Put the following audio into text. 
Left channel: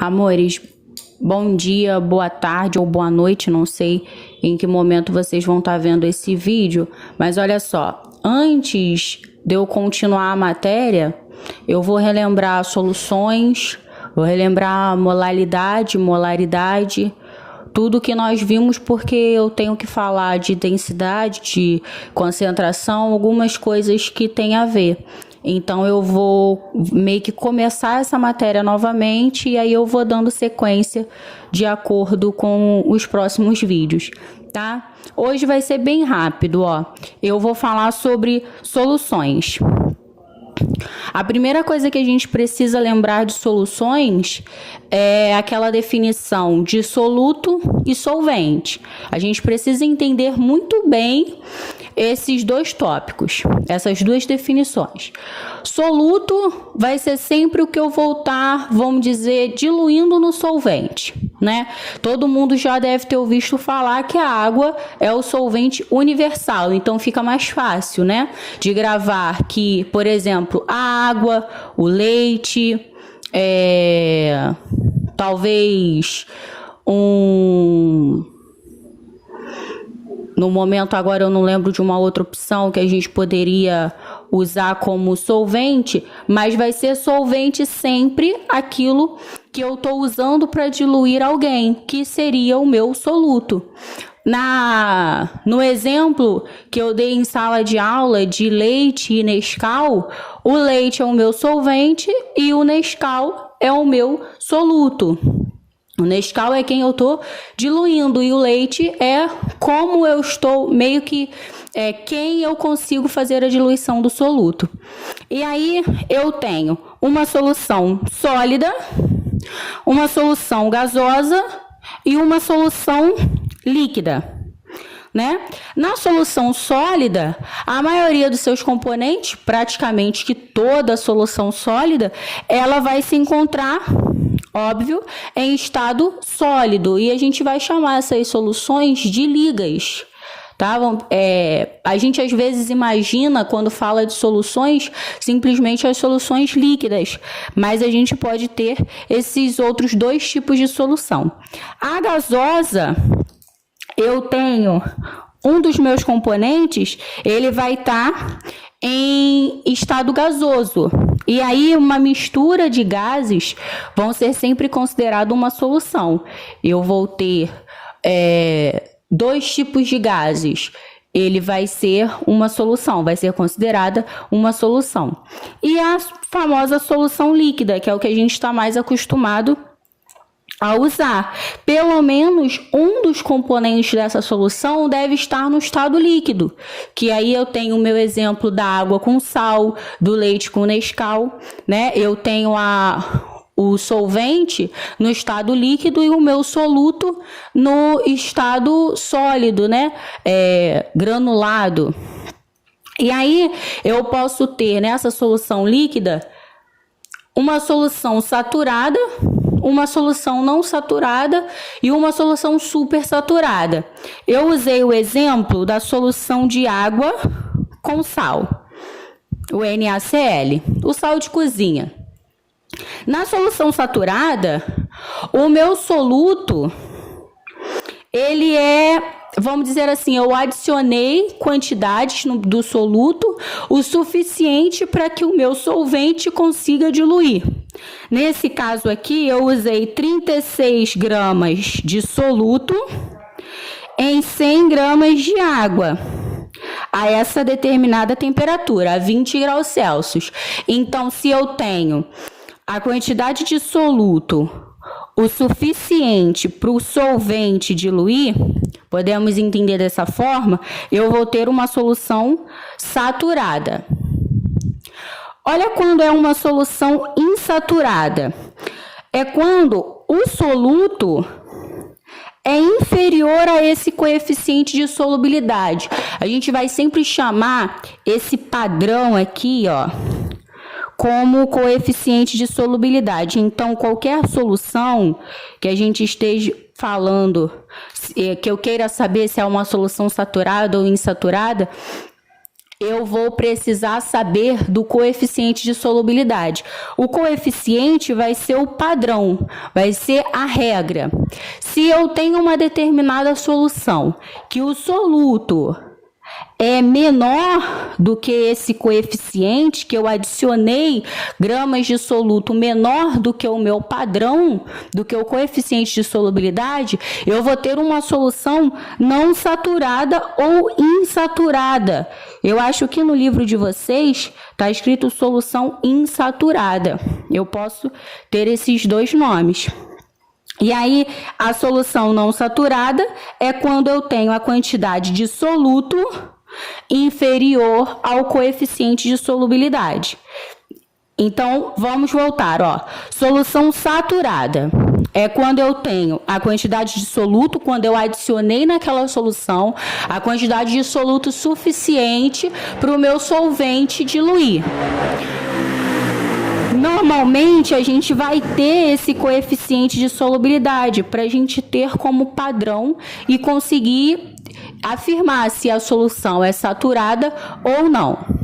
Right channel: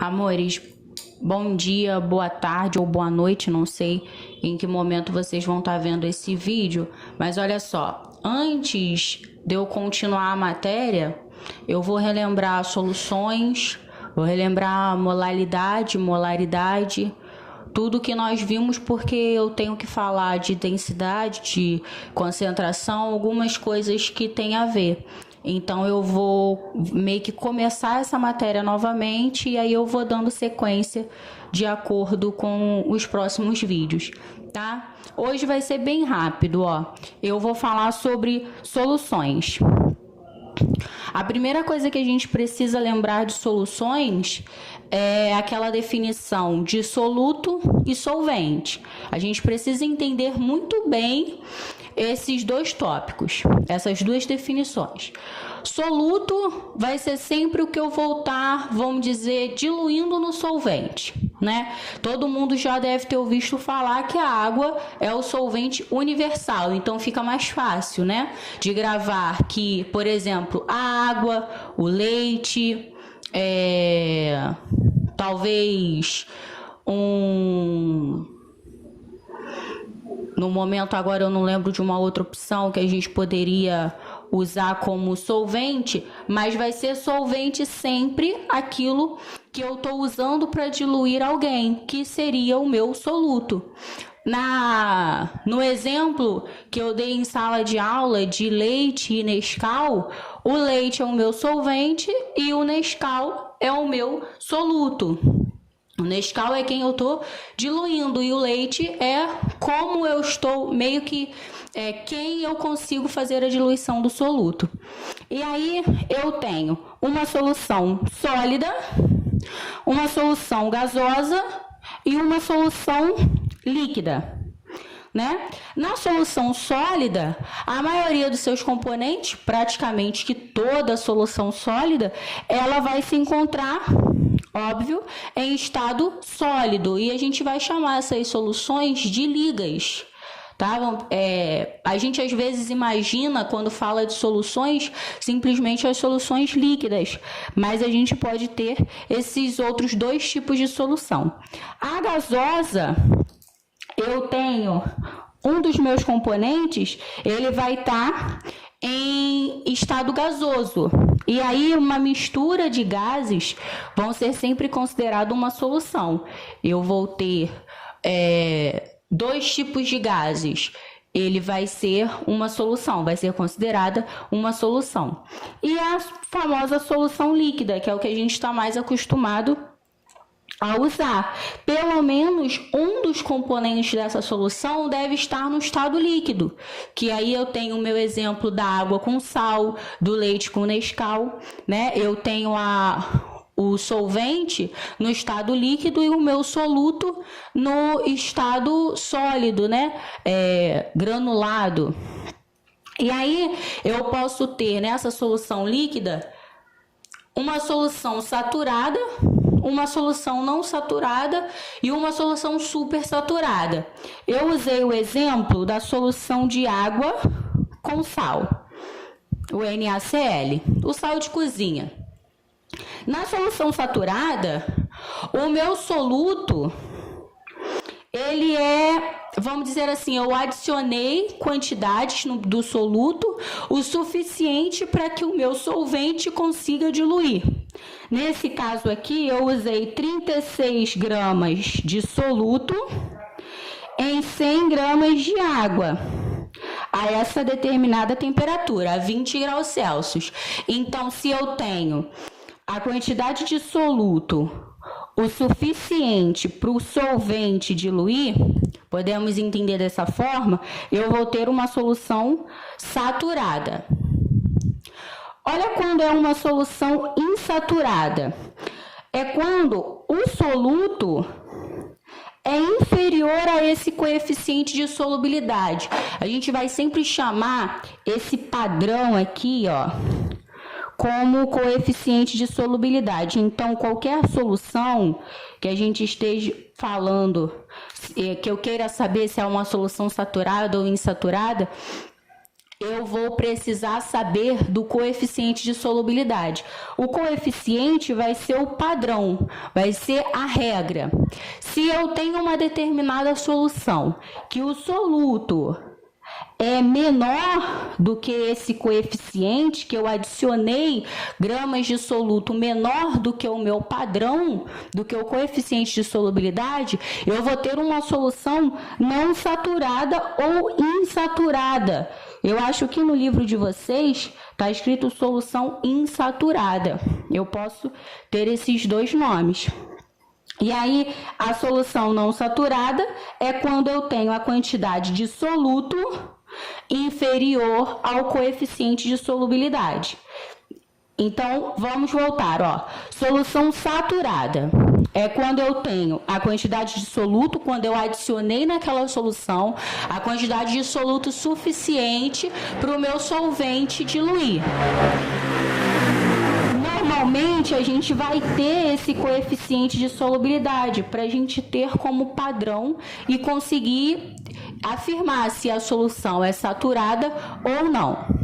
Amores, bom dia, boa tarde ou boa noite, não sei em que momento vocês vão estar vendo esse vídeo, mas olha só, antes de eu continuar a matéria, eu vou relembrar soluções, vou relembrar molaridade, molaridade, tudo que nós vimos, porque eu tenho que falar de densidade, de concentração, algumas coisas que tem a ver. Então eu vou meio que começar essa matéria novamente e aí eu vou dando sequência de acordo com os próximos vídeos, tá? Hoje vai ser bem rápido, ó. Eu vou falar sobre soluções. A primeira coisa que a gente precisa lembrar de soluções é aquela definição de soluto e solvente. A gente precisa entender muito bem esses dois tópicos, essas duas definições. Soluto vai ser sempre o que eu vou estar, vamos dizer, diluindo no solvente, né? Todo mundo já deve ter ouvido falar que a água é o solvente universal, então fica mais fácil, né? De gravar que, por exemplo, a água, o leite, talvez no momento agora eu não lembro de uma outra opção que a gente poderia usar como solvente, mas vai ser solvente sempre aquilo que eu estou usando para diluir alguém, que seria o meu soluto. No exemplo que eu dei em sala de aula de leite e Nescau, o leite é o meu solvente e o Nescau é o meu soluto. O Nescau é quem eu estou diluindo e o leite é como eu estou, meio que quem eu consigo fazer a diluição do soluto. E aí eu tenho uma solução sólida, uma solução gasosa e uma solução líquida, né? Na solução sólida, a maioria dos seus componentes, praticamente que toda a solução sólida, ela vai se encontrar, óbvio, em estado sólido, e a gente vai chamar essas soluções de ligas, tá? A gente às vezes imagina, quando fala de soluções, simplesmente as soluções líquidas, mas a gente pode ter esses outros dois tipos de solução. A gasosa, eu tenho um dos meus componentes, ele vai estar em estado gasoso. E aí uma mistura de gases vão ser sempre considerado uma solução. Eu vou ter dois tipos de gases. Ele vai ser uma solução, vai ser considerada uma solução. E a famosa solução líquida, que é o que a gente está mais acostumado a usar. Pelo menos um dos componentes dessa solução deve estar no estado líquido, que aí eu tenho o meu exemplo da água com sal, do leite com Nescau, né? Eu tenho o solvente no estado líquido e o meu soluto no estado sólido, né? Granulado. E aí eu posso ter nessa solução líquida uma solução saturada, uma solução não saturada e uma solução supersaturada. Eu usei o exemplo da solução de água com sal, o NaCl, o sal de cozinha. Na solução saturada, o meu soluto, ele vamos dizer assim, eu adicionei quantidades do soluto o suficiente para que o meu solvente consiga diluir. Nesse caso aqui, eu usei 36 gramas de soluto em 100 gramas de água, a essa determinada temperatura, a 20 graus Celsius. Então, se eu tenho a quantidade de soluto o suficiente para o solvente diluir, podemos entender dessa forma, eu vou ter uma solução saturada. Olha quando é uma solução insaturada. É quando o soluto é inferior a esse coeficiente de solubilidade. A gente vai sempre chamar esse padrão aqui, ó, como coeficiente de solubilidade. Então, qualquer solução que a gente esteja falando, que eu queira saber se é uma solução saturada ou insaturada, eu vou precisar saber do coeficiente de solubilidade. O coeficiente vai ser o padrão, vai ser a regra. Se eu tenho uma determinada solução que o soluto é menor do que esse coeficiente, que eu adicionei gramas de soluto menor do que o meu padrão, do que o coeficiente de solubilidade, eu vou ter uma solução não saturada ou insaturada. Eu acho que no livro de vocês está escrito solução insaturada. Eu posso ter esses dois nomes. E aí, a solução não saturada é quando eu tenho a quantidade de soluto inferior ao coeficiente de solubilidade. Então, vamos voltar, ó. Solução saturada é quando eu tenho a quantidade de soluto, quando eu adicionei naquela solução a quantidade de soluto suficiente para o meu solvente diluir. Normalmente, a gente vai ter esse coeficiente de solubilidade para a gente ter como padrão e conseguir afirmar se a solução é saturada ou não.